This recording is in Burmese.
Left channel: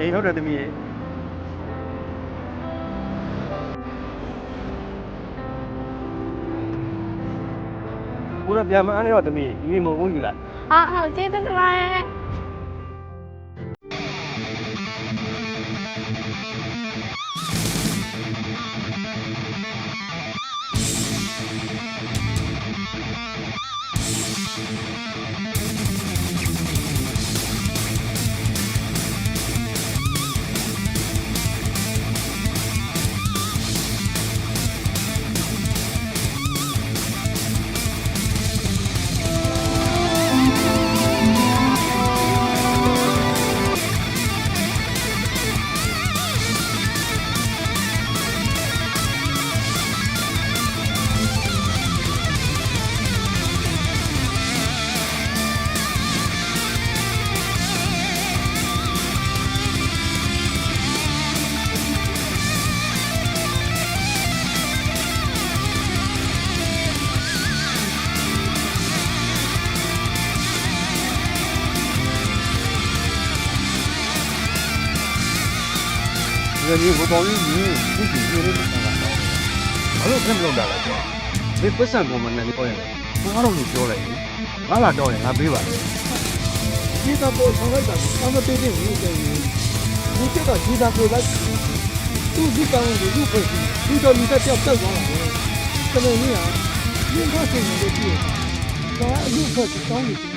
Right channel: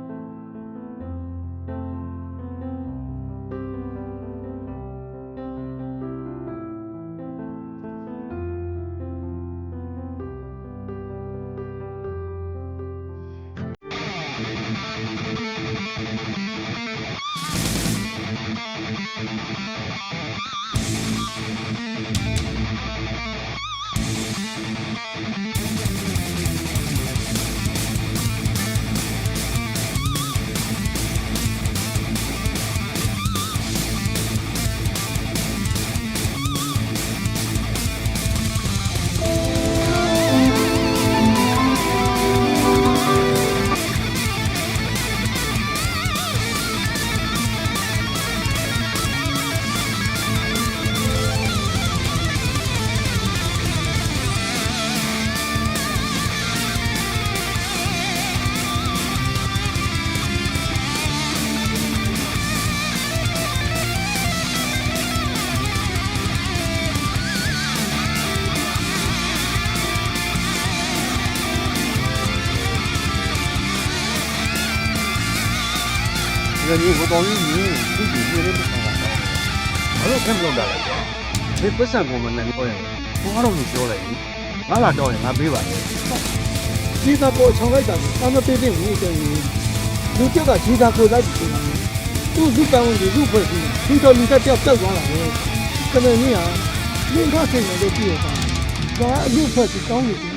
အေးဟုတ်တယ်သမီးရေဘုရားပြန်မအားနေတော့သမီးဒီမုံဘူးယူလိုက် 好，接着来。ဒီလိုဘောင်းကြီးသူ့ကြီးနေလို့ပေါ့ဘာလို့ဖက်မလုပ်တာလဲကွာဒီပတ်စံပုံမှန်နဲ့ပြောရင်ဘာတော့လို့ပြောလိုက်ငါလာတော့ရင်ငါပေးပါလေဒီကပေါ်ဆောင်လိုက်တာအမပေးတဲ့ဘူးတဲ့လူကြောက်ကဒီသာကိုလိုက်သူ့ကောင်းတယ်သူ့ဖွဲ့ပြီးဒီတော့လူတက်ပြောက်သွားတာပဲကမင်းကြီးဟာရင်းခါဆိုင်နေတဲ့ကြည့်ရတာဒါအမှုဖွဲ့ပြီးကောင်းနေတယ်